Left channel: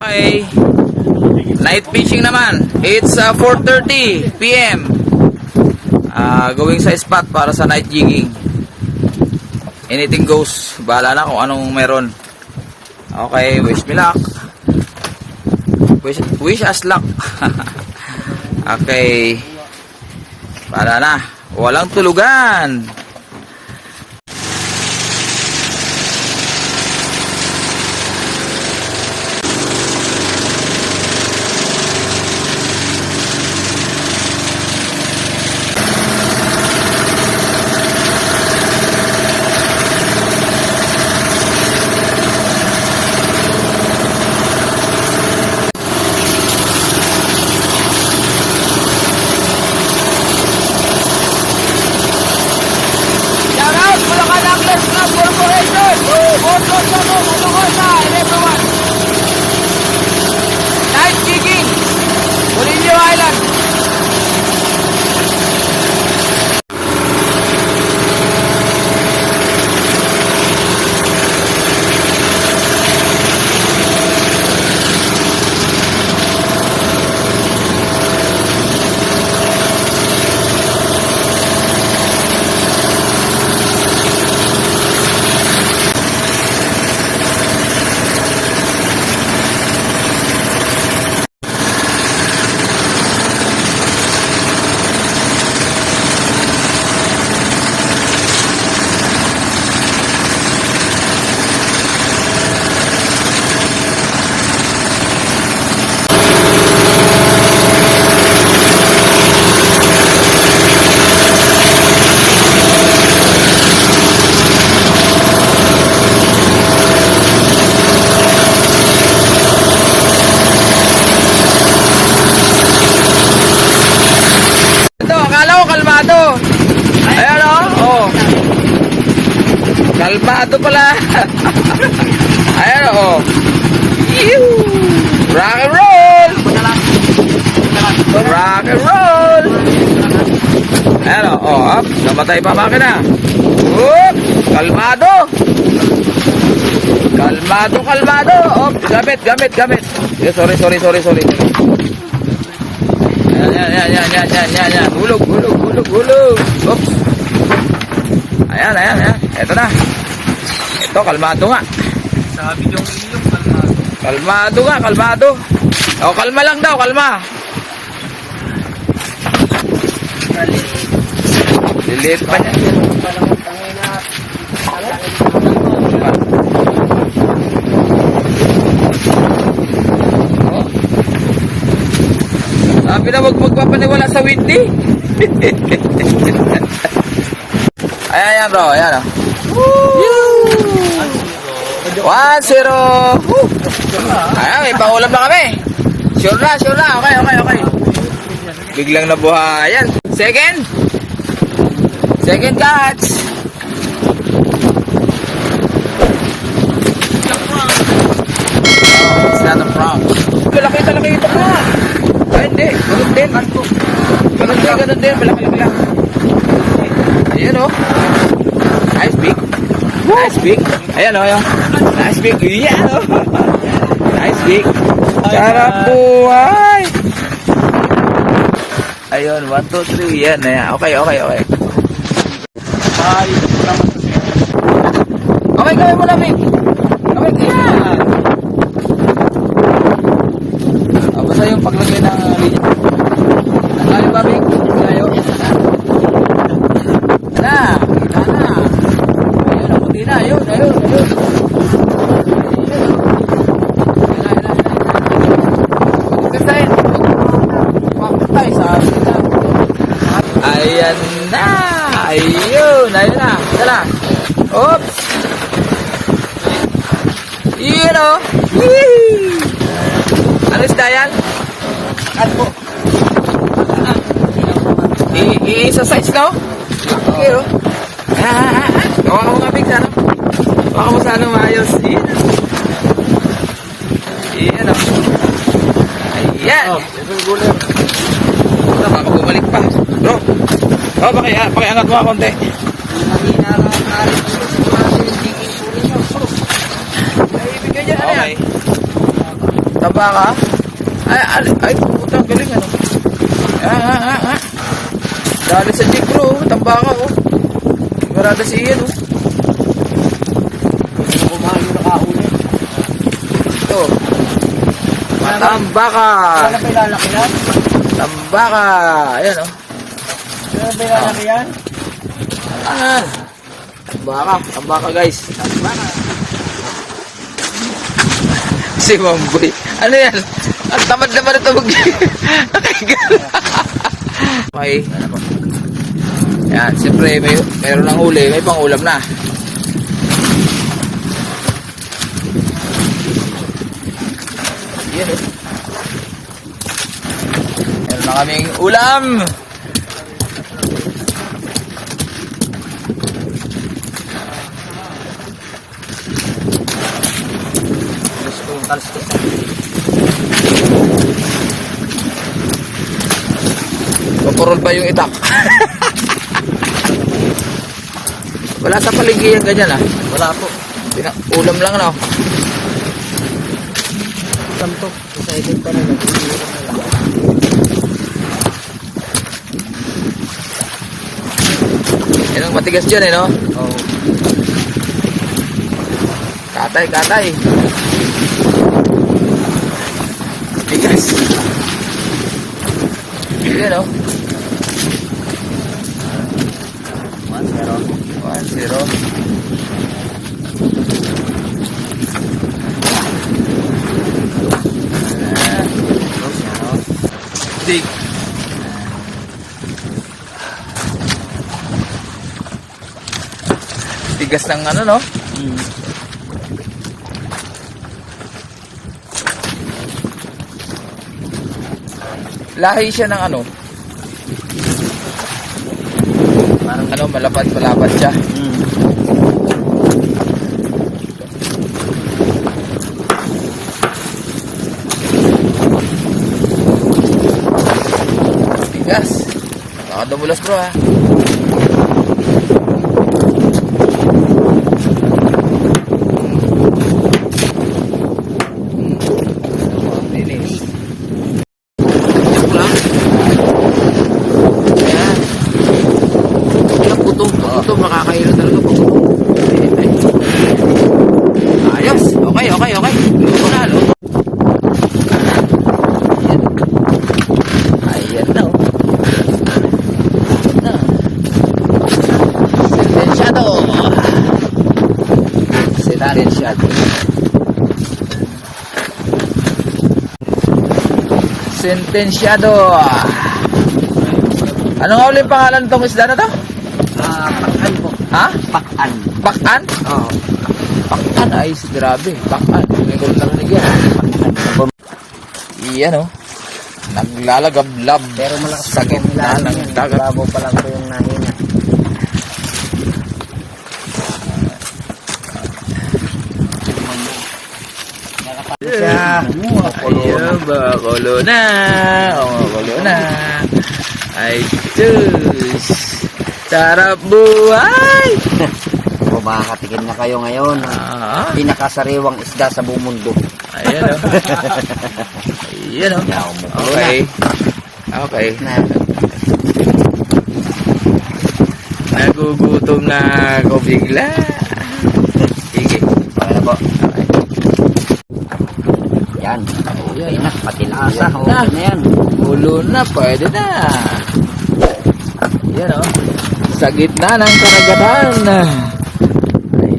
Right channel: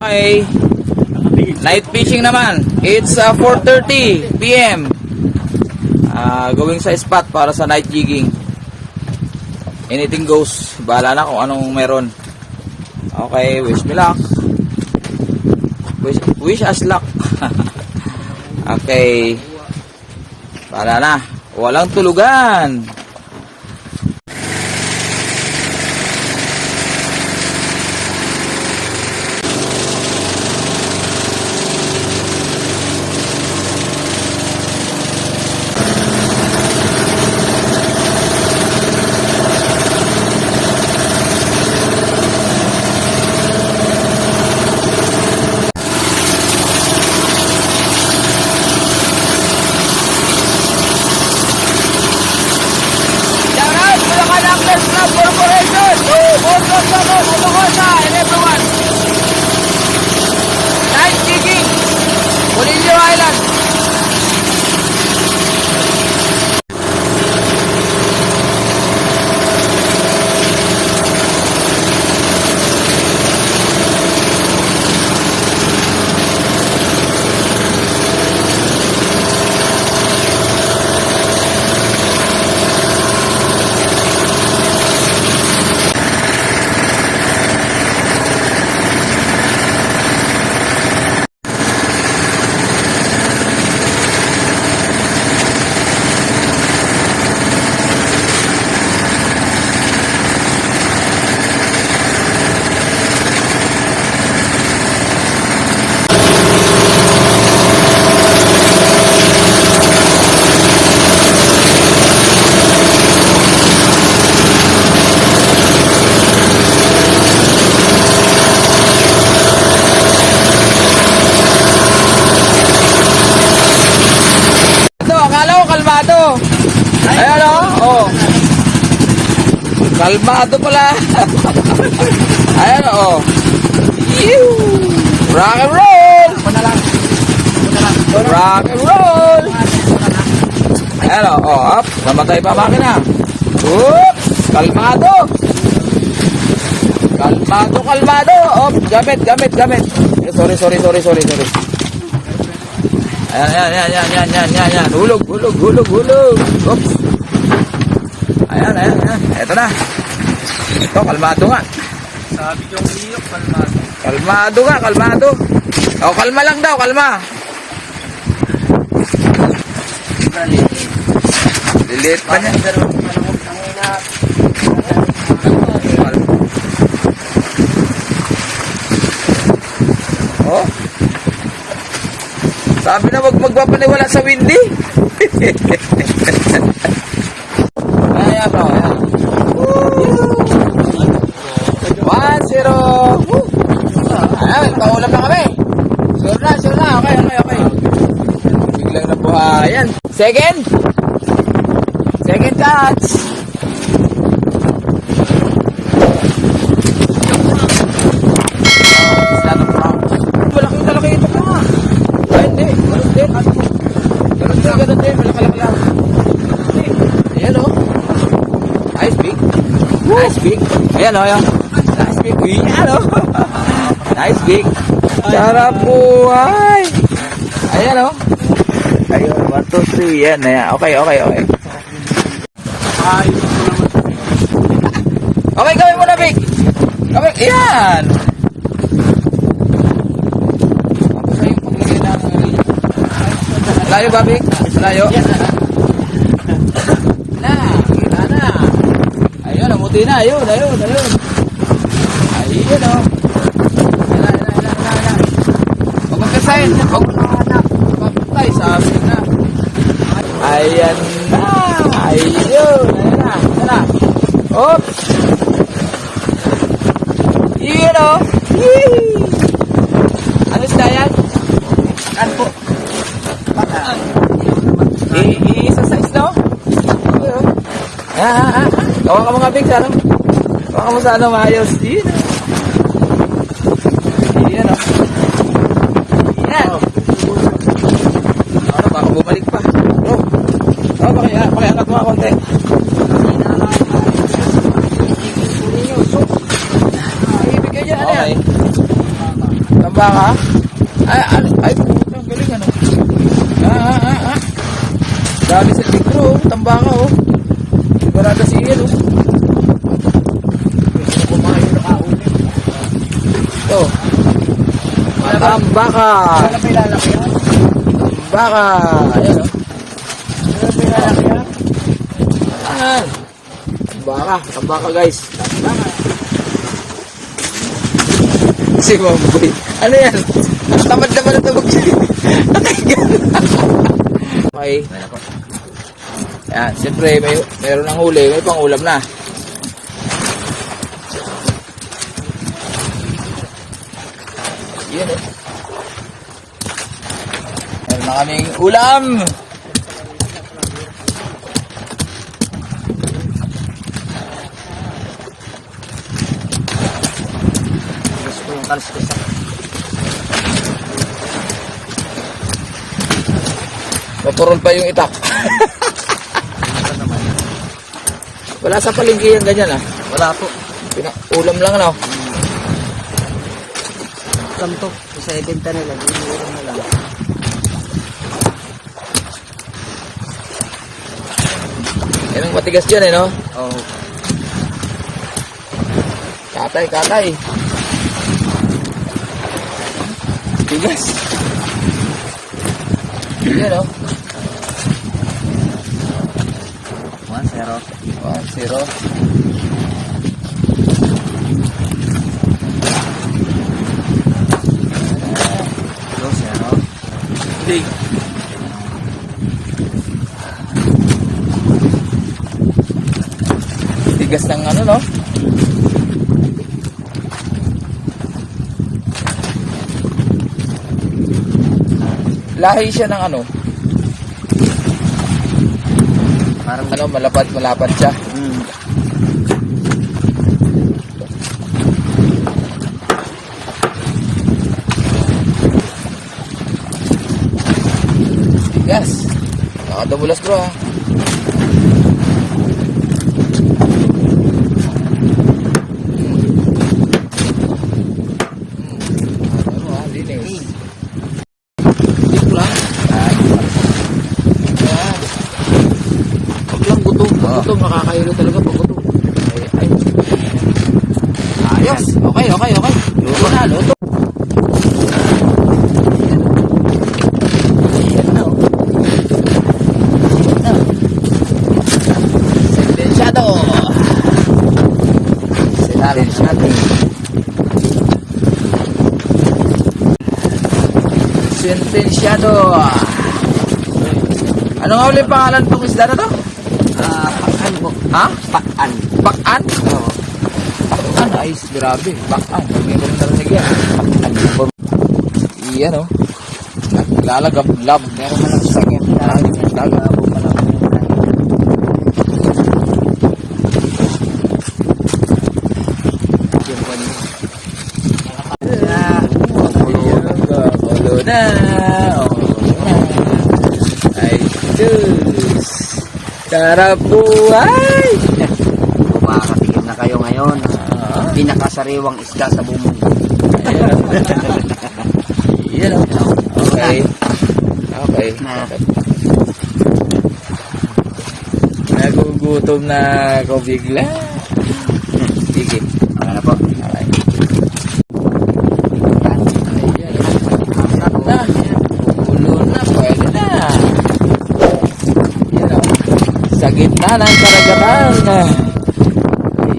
Okay, night fishing naman. It's 4:30 PM. Going sa spot para sa night jigging. Anything goes. Bahala na kung anong meron. Okay, wish me luck. Wish us luck. Okay. Bahala na. Walang tulugan. Corporation, and everyone. Night jigging, Bonillo Island. Kalmado. Ayan oh. Kalmado pala. Ayan oh. Rock and roll. Rock and roll. Ayan oh. Namatay pa makina. Oops. Kalmado. Kalmado. Gamit. Sorry. Ayan. Hulog. Oops. Ayan. Ito na. Ito, kalmado nga. Sabi yung inyo, kalmado. Kalmado. O, kalma lang daw, kalma. Liliit pa niya. Oh. Sabi na wag magpapaniwala sa windy. Ayan bro, ayan. 1-0. Ayan, may pangulam na kami. Sure na. Okay. Biglang nabuhay. Ayan. Second catch. It's not a prank. Malaki ito na. Ay, hindi. Ganun din. Malaki lang. Ayan o. Nice big. Ayan o. Nice big. Ayan o. Nice big. Sarap buhay. Ayan o. Ayun, 1, 2, 3. Yan. Okay. Okay, gawin mo na, Big. Ayan. Basta yung paglagay ng linya. Layo ba, Big? Layo? Kita na. Ayun, namuti na. Ayun. Ayun, o. Pagkasayin. Pagkatay sa sina. Ayan na. Ayun na. Tala. Oops. Iyon, o. Ano isda yan? Kalbo. I-exercise no? Okay o. Gawa ka mo nga pinsa no? Gawa ka mo sa ano maayos. Iyan o. Ayan. Ano baka bumalik pa. Bro. Pakiangat mo konti. Ay, ibig ka dyan. Ano yan? Tambaka. Ay, puta, galing ano. Dali sa jig bro, tambaka oh. Sigurado si Ian oh. Gusto ko kumain yung nakaulit. Ito. Matambaka. Wala pa ilalaki yan? Tambaka. Ayan oh. Wala pa ilalaki yan? Ayan. Tambaka guys. Tambaka. Si Mamboy. Ano yan? Ang tamad naman ito mag-nakahigal. Okay. Yan, siyempre mayroon ng huli, may pang-ulam na. Yan oh. Meron na kaming ulam. Gusto ko yung kalstos. Paporol pa yung itak. Wala sa palengke yan ganyan ah. Wala po. Ulam lang ano. Samtok. Sa ibenta na lang. Iiwan na lang. Yan ang matigas dyan eh no. Oo. Katay. Tigas. Yan oh. 1-0. 1-0. Dig. Tigas ng ano no? Lahi siya ng ano? Parang Ano, malapad siya. Tigas. Nakadamulas bro ha. Joke lang. Ayan. Huwag lang gutom. Pag gutom, nakakahilo talaga pag gutom. Ay. Ayos. Okay. Luto na. Ayan na oh. Sentensyado. Sentensyado. Ano nga ulit pangalan tong isda na to? pakan po. Ha? Pakan. Bakan? Oo. Bakan. Ay, grabe. Bakan. Hindi ko narinig yan. Bakan. Iyan oh. Naglalagablab. Pero malakas sakit na ng dagat. Labo pa lang po yung nangin. Yung banyo. Ayan, bakulo na. Bakulo na. Ay, sus. Sarap buhay. Kung makakatikim na kayo ngayon, pinakasariwang isda sa buong mundo. Ayan o. Ayan o. Okay. Nagugutom na ako bigla. Sige. Okay na po. Okay. Yan. Ayan. Patinasa. Na. Ulo na. Pwede na. Ayan o. Sa gitna ng karagatan.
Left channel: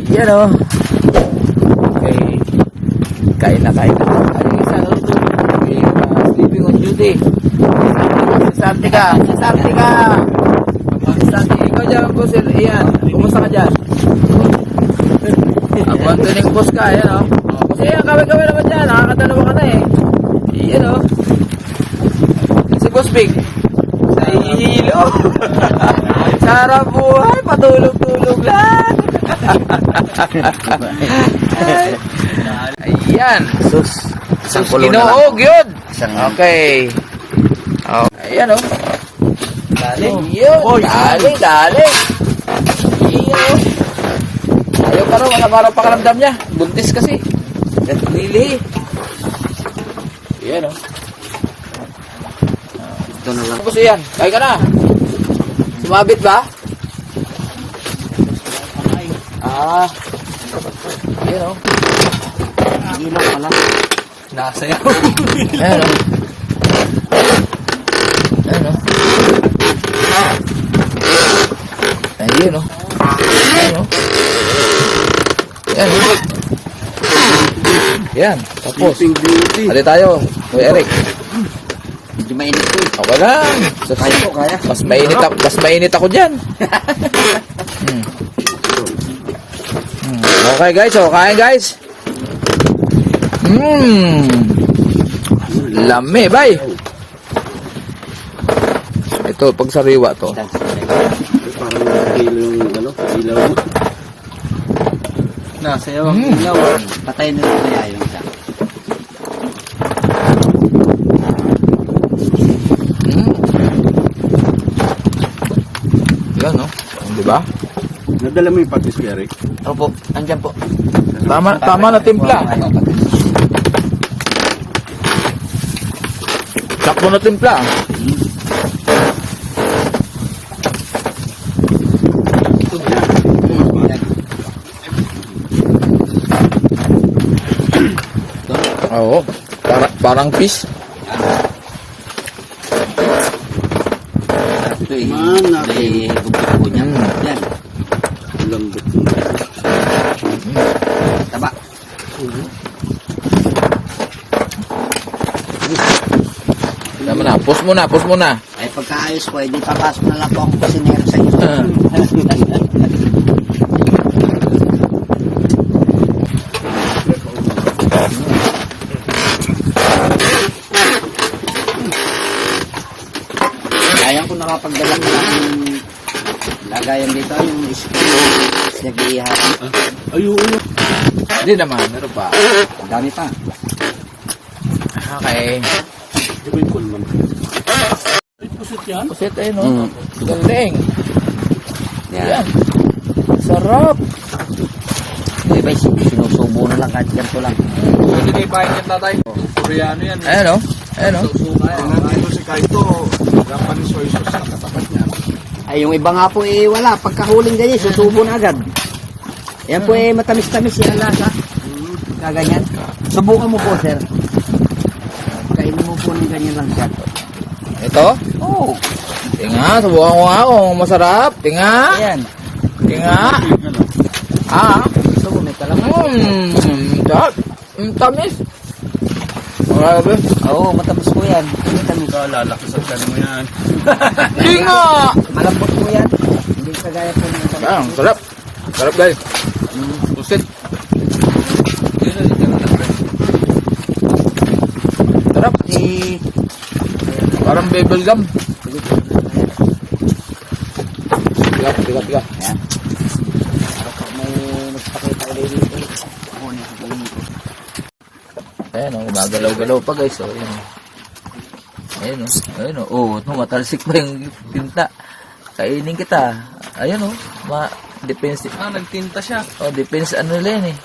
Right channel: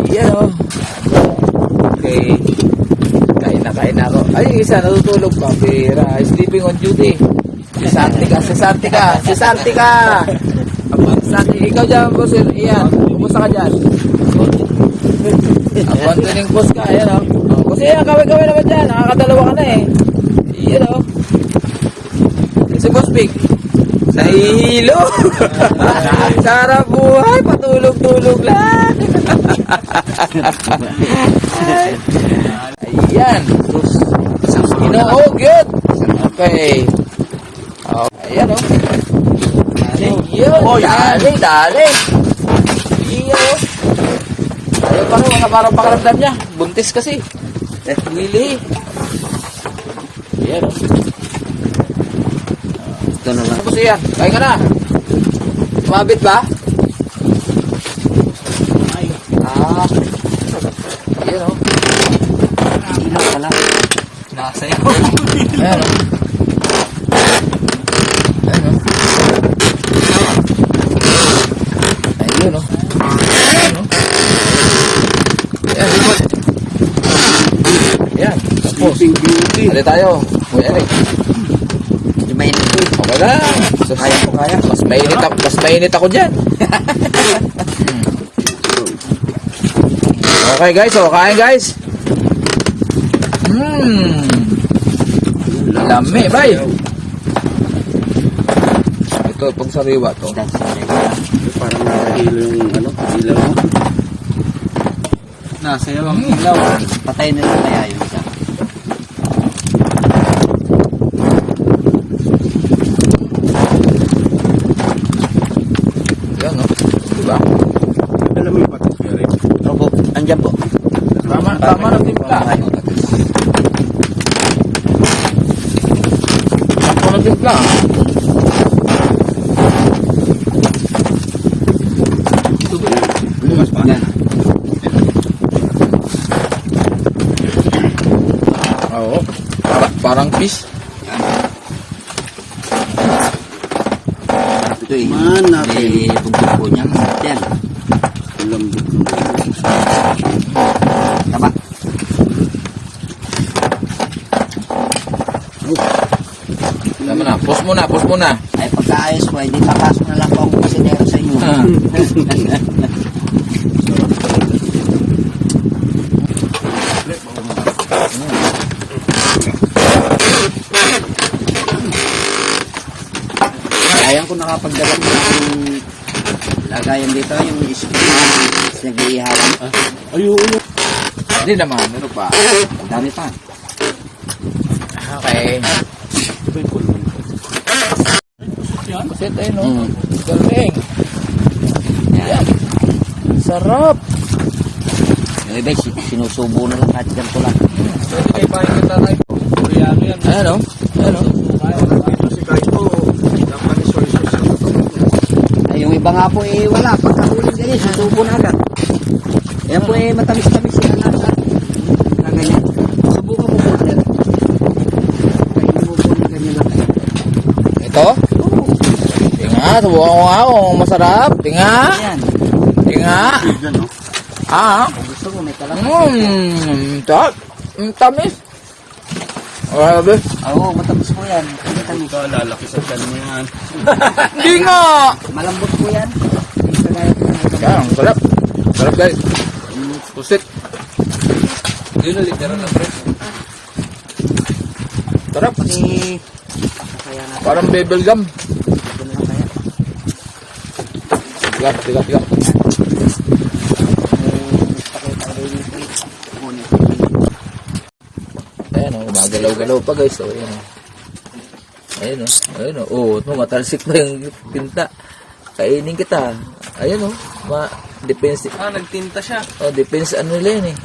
Ayan o. Okay. Kain na ako. Ay, yung isa natutulog pa. Sleeping on duty. Si Santika. Ikaw dyan, boss. Iyan. Kumusta ka dyan? Abang tuning boss ka. Ayan o. Kasi yan, kaway-kaway naman dyan. Nakakadalawa ka na eh. Ayan o. Si Boss Big. Sa hilo. Sarap buhay. Patulog-tulog lang. Ayan. Sus Ginoog yun. Okay. Ayan o. Yun. Dali. Iyo. Ayaw pa rin. Parang pakaramdam niya. Buntis kasi. Lili. Ayan o. Ganun lang. Tapos yan. Kain ka na. Sumabit ba? Ah. Ayan o. Ilaw pala. Nakasayaw. Ayan o. Ayan o. Ayun o. Ayan o. Ayan, ikot. Ayan. Tapos. Beauty. Hali tayo. Kuya Eric. Medyo mainit ko. Okay lang. Kaya. Mas mainit ako dyan. Okay guys, so kain guys. Lami, bay. Ito, pag sariwa to. Parang ilaw. Nasayaw ang ilaw. Patay na lang kaya yung isa. Yan, no? Diba? Nadala mo yung patis, Eric. Opo, andyan po. Tama na timpla. Sakto na timpla. Oo. Parang fish. Ito eh. Man, natin. May buntot po niyan. Yan. Lambot. Taba. Tama na. Pause muna. Ay pagkaayos po, hindi papasok na lang po ang kusinero sa inyo. Sayang ko nakapagdala ko yung lagayan dito, yung nag-iiharan. Ayun. Hindi naman. Meron pa. Ang dami pa. Okay. Ito ba yung kulman? Pusit ayun, no? Galing. Yan. Sarap. Iba, sinusubo na lang kahit ganito lang. Pwede kayo kain ng tatay ko. Koreano yan. Ayan, no? Ayan, no? Si Kaito. Ay, yung iba nga po eh, wala. Pagkahuling ganyan, susubo na agad. Yan po eh, matamis-tamis yung lasa. Kaganyan. Subukan mo po, sir. Kainin mo po ng ganyan lang siya. Ito? Oo. Tinga, subukan ko nga kung masarap. Tinga. Yan. Tinga. Ah. Gusto ko may kalamay. Sarap. Tamis. Grabe. Oo, matamis mo yan. Matamis. Lalaki sa tali mo yan. Hindi nga. Malambot mo yan. Hindi sa gaya po ng Sarap. Sarap. Sarap guys. Pusit. Sarap. Parang bubble gum. Tiga. Ayan o, gumagalaw-galaw pa guys. O, ayan o. Ayan o. Oh, matalsik pa yung tinta. Kainin kita. Ayan o. Depends. Nagtinta siya. Oh, depends ano nila yun eh.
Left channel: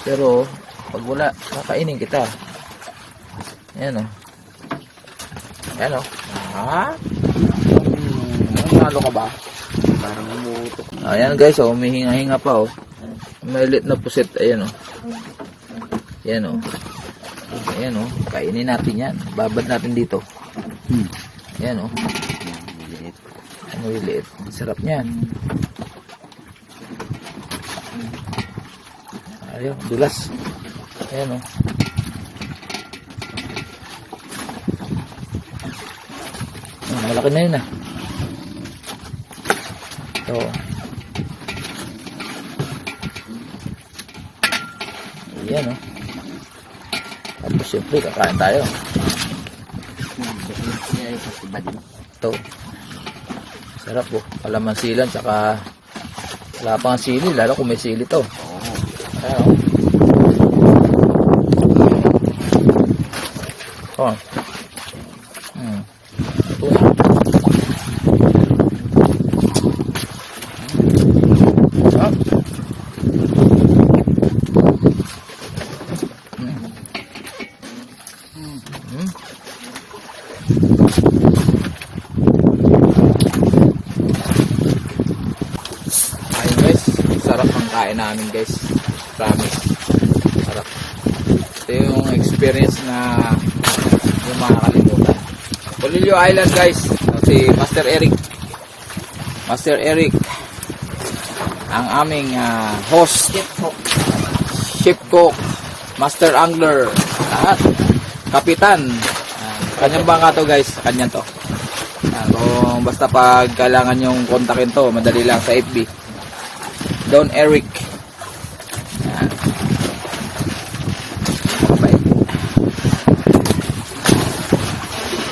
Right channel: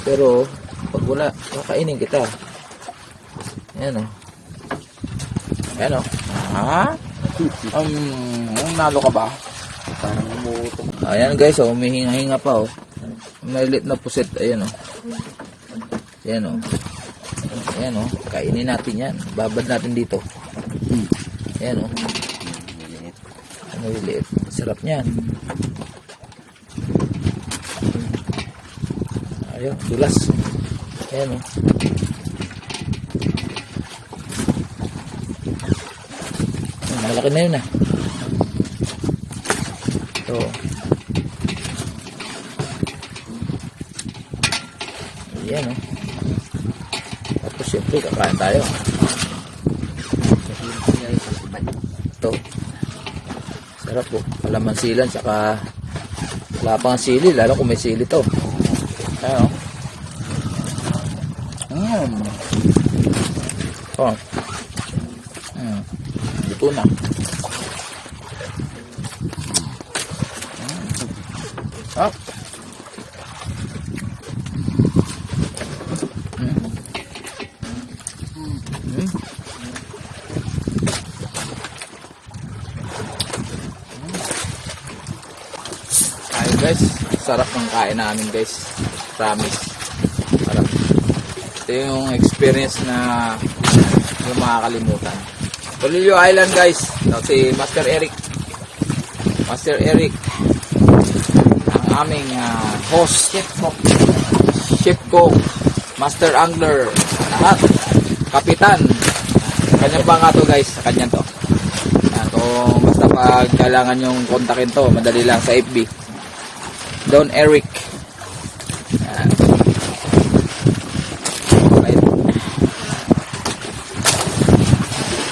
Pero, pag wala, kakainin kita. Ayan o. Ayan o. Ha? Nalo ka ba? Parang umutok. Ayan guys, oh, humihinga-hinga pa oh. Maliit na puset, ayan oh. Ayan oh. Ayan oh, kainin natin yan. Babad natin dito. Ayan oh. Maliliit. Sarap niyan. Ayan, dulas. Ayan oh. Ayan, malaki na yun ah. Ito. Ayan oh. Tapos syempre kakain tayo. Ito. Sarap po. Kalamansilan tsaka wala pang sili. Lalo kung may sili to. Ayan oh. Oh. Ito na. Ah. Hmm. Ayun guys, sarap ang kain namin guys. Promise. Sarap. Ito yung experience na yung makakalimutan. Polillo Island guys. Si Master Eric. Master Eric. Ang aming host. Ship cook. Master Angler. Lahat. Kapitan. Kanyang bangka to guys. Kanya to. Yan, kung basta pag kailangan yung kontakin to, madali lang sa FB. Don Eric. Yan. Okay.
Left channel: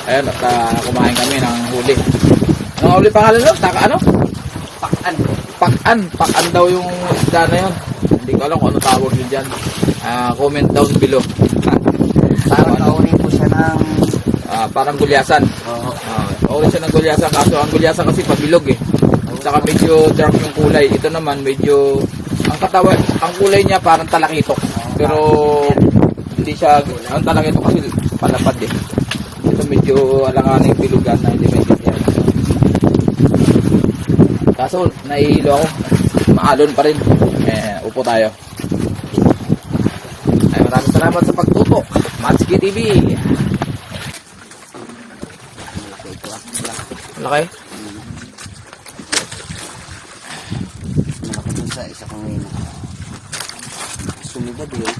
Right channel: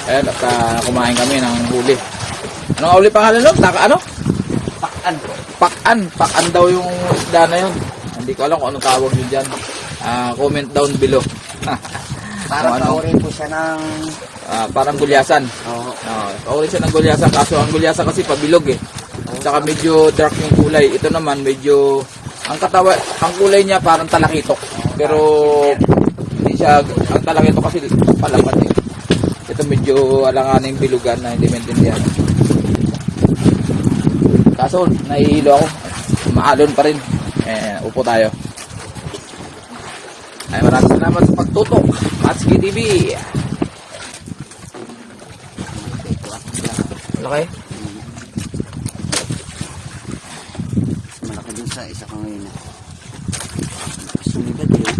Ayan, at kumain kami ng huli. Anong huli pangalan nun? Ano? Pakan. Pakan daw yung isda na yun. Hindi ko alam kung ano tawag yun dyan. Comment down below. Parang ano? kaunin ko siya ng... Parang gulyasan. Oo. Paulit siya ng gulyasan, kaso ang gulyasan kasi pabilog eh. Saka medyo dark yung kulay. Ito naman medyo ang katawan, ang kulay niya parang talakitok. Pero hindi siya ang talakitok kasi palapat eh. Ito medyo alanganin yung bilugan na hindi maintindihan. Kaso nahihilo ako. Maalon pa rin. Upo tayo. Ay, maraming salamat sa pagtutok. Matski TV. Malaki? Malaki dun sa isa ko ngayon. Sumibad yun.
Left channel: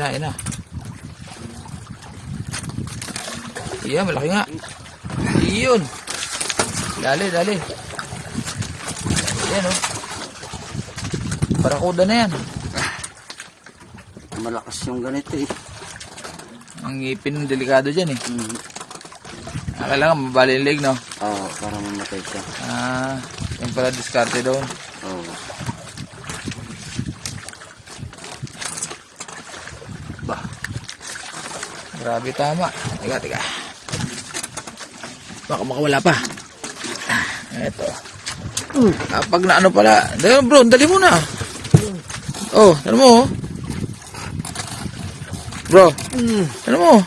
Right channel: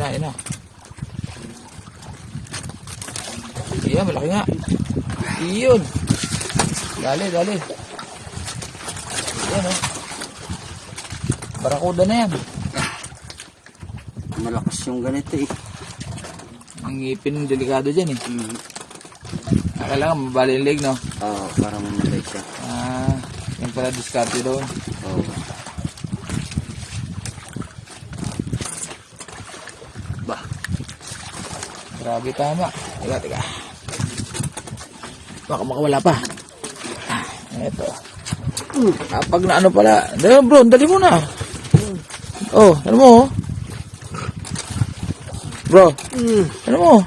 Yan na. Iya, malaki nga. Iyon. Dali. Yan o. Barakuda na yan. Malakas yung ganito eh. Ang ngipin delikado dyan eh. Kailangan mabali yung leg, no? Oo, para mamatay siya. Yung pala diskarte doon. Oo. Bah. Grabe tama. Tiga. Baka makawala pa. Ito. Pag na ano pala. Dali bro, dali mo na. Oh, ano mo? Bro. Ano mo?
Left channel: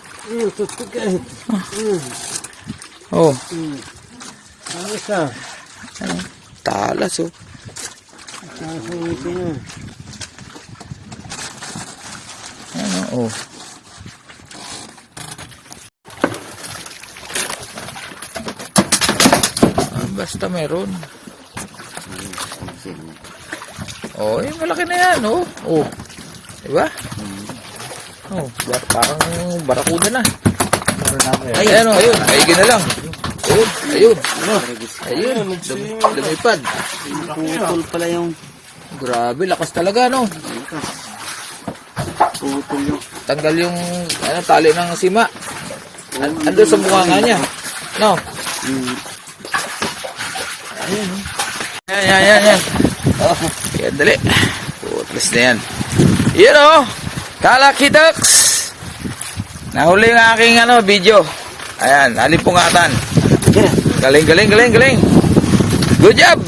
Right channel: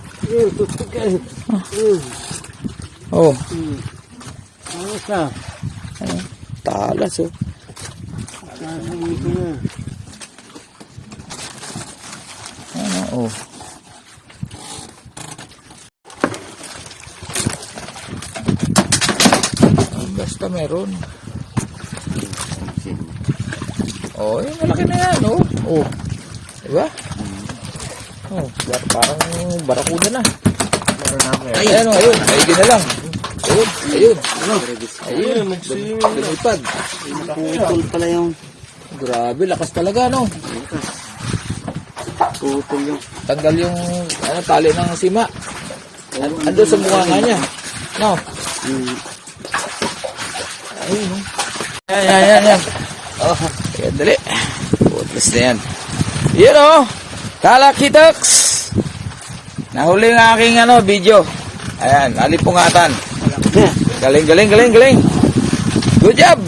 Oh. Ano siya? Ano? Talas oh. Ano oh. Basta meron. Oh, malaki na yan, oh. Oh. Diba? Oh, parang barakuda na. Ayun, ayun. Ayun na lang. Ayun. Lumipad. Putol pala yung... Grabe, lakas talaga, no? Putol yung... Tanggal yung tali ng sima. Ando sa mukha niya. No? Ayun, no? Yan. Oh, yan, dali. Putlis na yan. Yan, oh. Kalakitaks. Nahuli ng aking video. Ayan, alipungatan. Galing. Good job.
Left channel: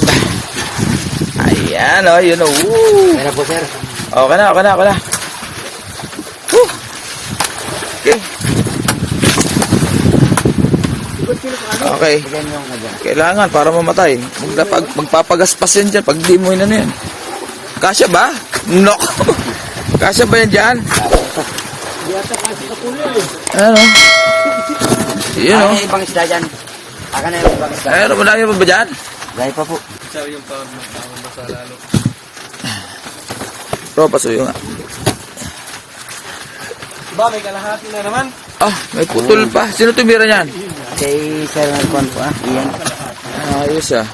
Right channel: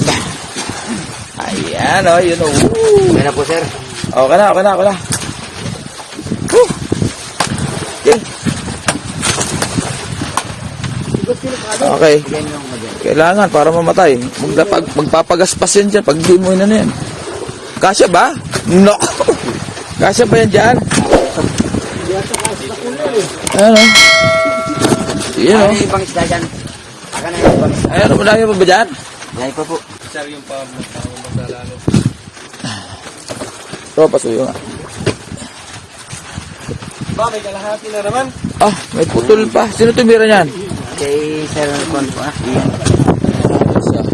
Ayan, oh, yun, oh. Kaya na po, sir. Okay na. Woo. Okay. Kailangan para mamatay. Magpapagaspas yan dyan pag di mo yun yan. Kasya ba? No. Kasya ba yan dyan? Ano? Yun o. Ano yung pangisda dyan? Aka na yung pangisda. Ano, madami pa ba dyan? Dahil pa po. Sir, yung pang-masaralo. Ito, pasuyo nga. Ba, may kalahati na naman. Ah, may putol pa. Sino tumira niyan? Kay Sir Juan po. Ayan. Ayos ah.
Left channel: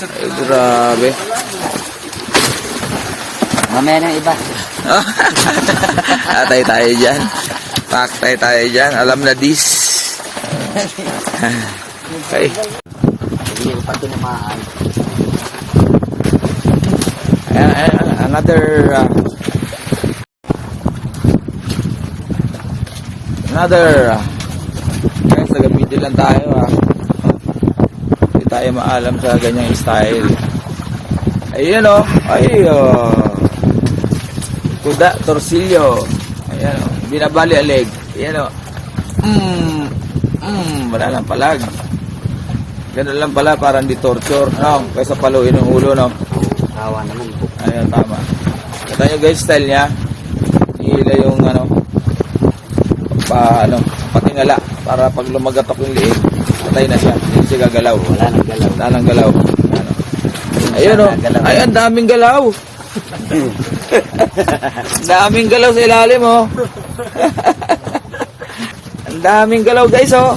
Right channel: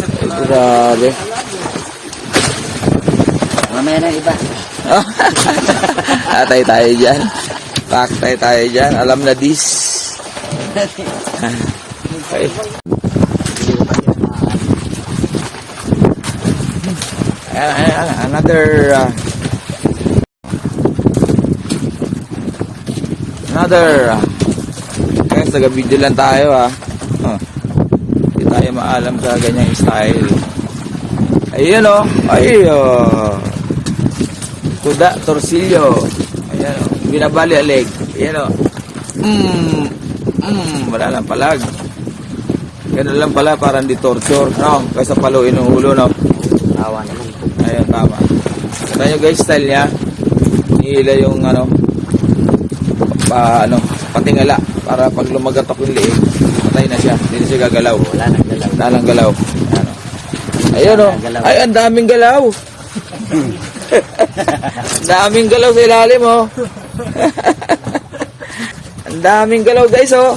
Ay, grabe. Mamaya na yung iba. Atay tayo dyan. Paktay tayo dyan. Alam na this. Okay. Ayan, another guys, taga-video lang tayo hindi tayo maalam sa ganyang style. Ayun o. Kuda, torsilyo. Ayan o. Binabali ang leg. Ayan o. Wala lang palag. Ganun lang pala, parang di torture, no? Kaysa paluin ng ulo, no? Tawa naman po. Ayun, tama. Kita nyo guys, style niya. Nihila yung, patingala. Para pag lumagatok yung liig, patay na siya. Hindi siya gagalaw. Wala nang galaw. Wala nang galaw. Ayun, o. Ay, ang daming galaw. Ang daming galaw sa ilalim, oh. Ang daming galaw, guys, oh.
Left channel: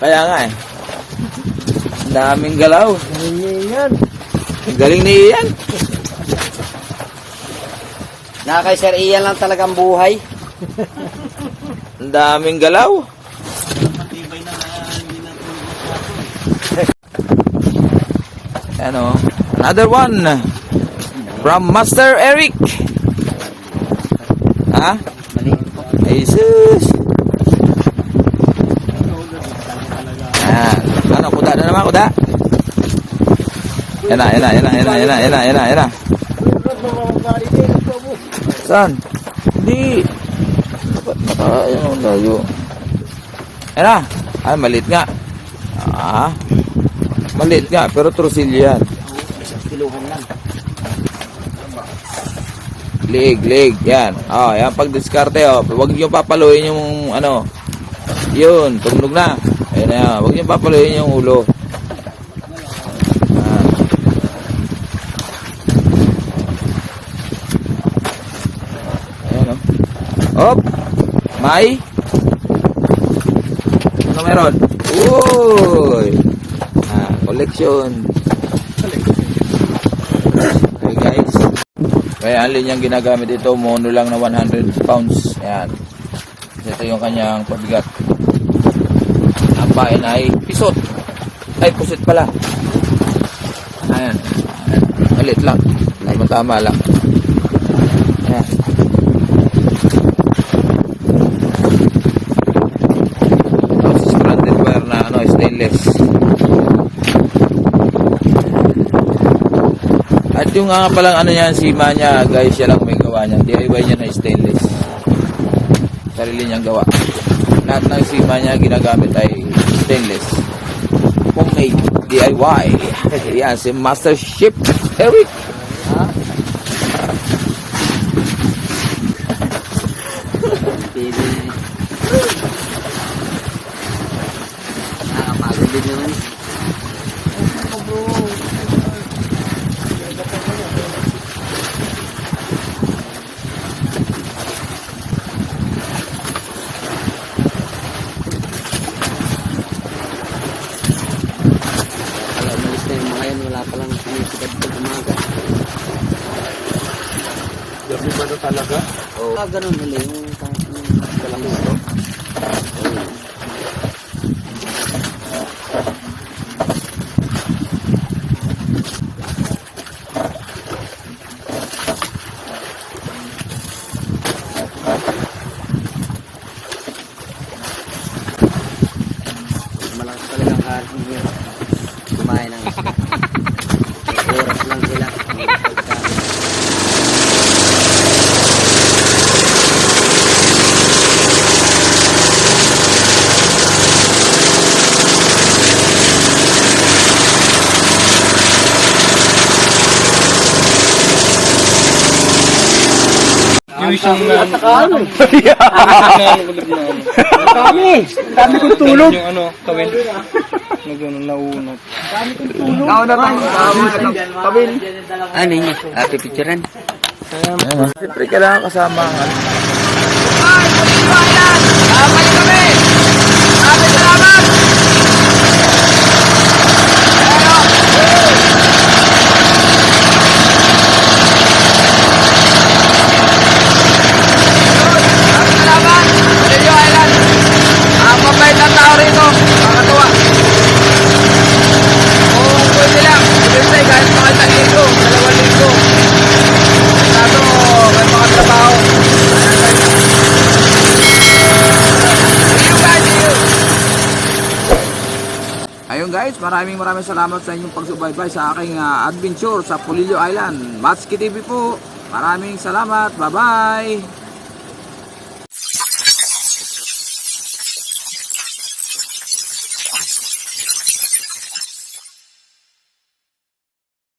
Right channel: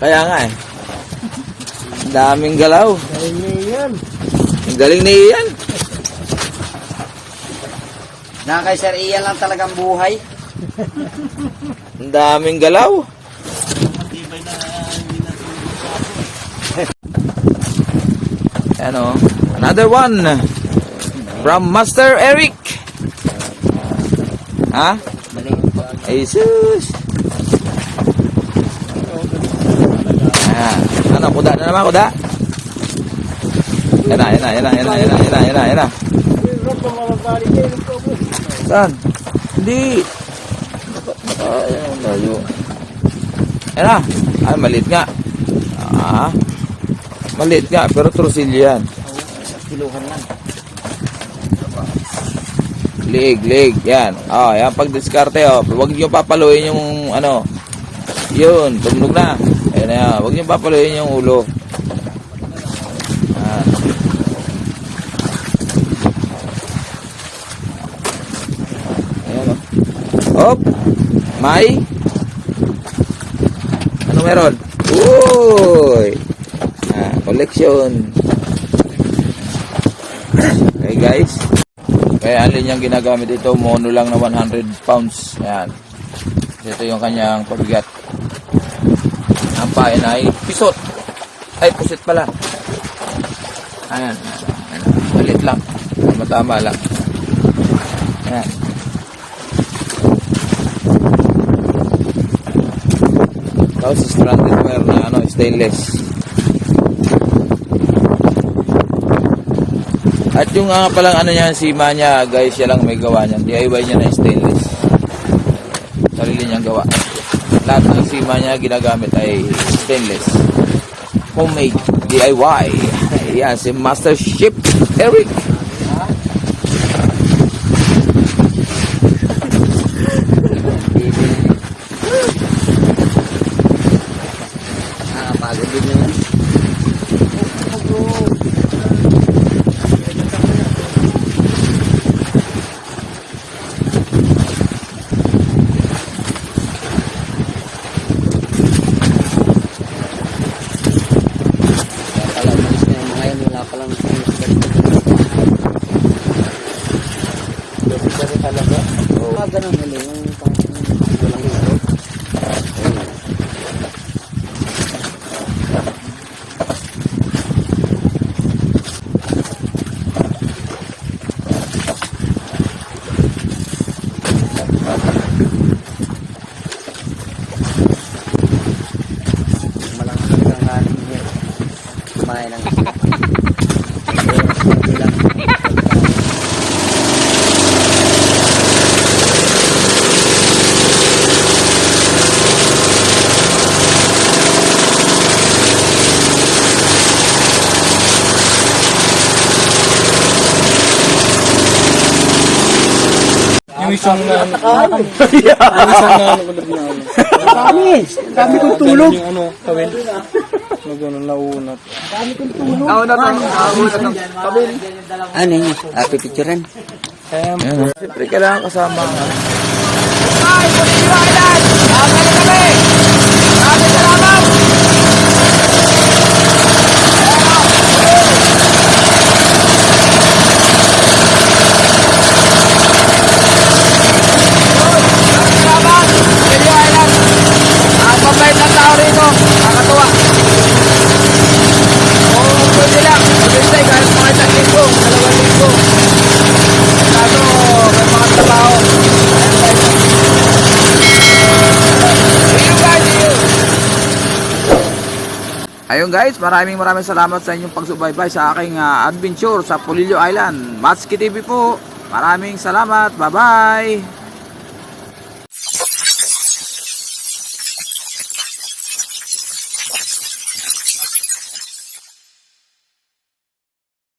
Kaya nga, eh. Ang daming galaw. Ang galing ni Ian. Na kay Sir Ian lang talagang buhay. Ang daming galaw. Ano? Another one. From Master Eric. Ha? Maliit po. Jesus. Ano, kuda na naman, kuda. Yan na. Saan? Hindi. Ayan ang layo. Yan na. Ay, maliit nga. Maliit nga, pero trusilyo yan. Kiluhan lang. Leg, yan. Yan pag-diskarte, Huwag niyo papaluin yung, yun, tumunog na. Ayan na yan. Huwag niyo papaluin yung ulo. Ayan, Hop! May? Ano meron? Uy! Collection. Okay, guys. Kaya ang linyang ginagamit ito, mono lang na 100 pounds. Ayan. Ito yung kanyang pabigat. Ang bayan ay pisot. Ay, pusit pala. Ayan. Malit lang. Tama-tama lang. Ayan. Tapos stranded wire na stainless. At yung palang niya, sima niya, guys, siya lang may gawa niya. DIY niya na stainless. Sarili niyang gawa. Lahat ng sima niya ginagamit ay stainless. Homemade DIY. Ayan, si Master Chef Eric. Nakapagod din yun. Ganun nila yung malakas talagang kanin niya. Kumain ng oras na sila. Yung isang Dami kong tulog. yung kawin. Naunat. Ano yun? Ate picturean. Ayan, siyempre kailangan kasama ang mabait na tao rito, makakatuwa. Kung pwede lang, pwede kahit mga isang linggo, 2 linggo. Kaso, may mga trabaho. Ayun guys, maraming salamat sa inyong pagsubaybay sa aking adventure sa Polillo Island. Matsuki TV po. Maraming salamat. Bye-bye.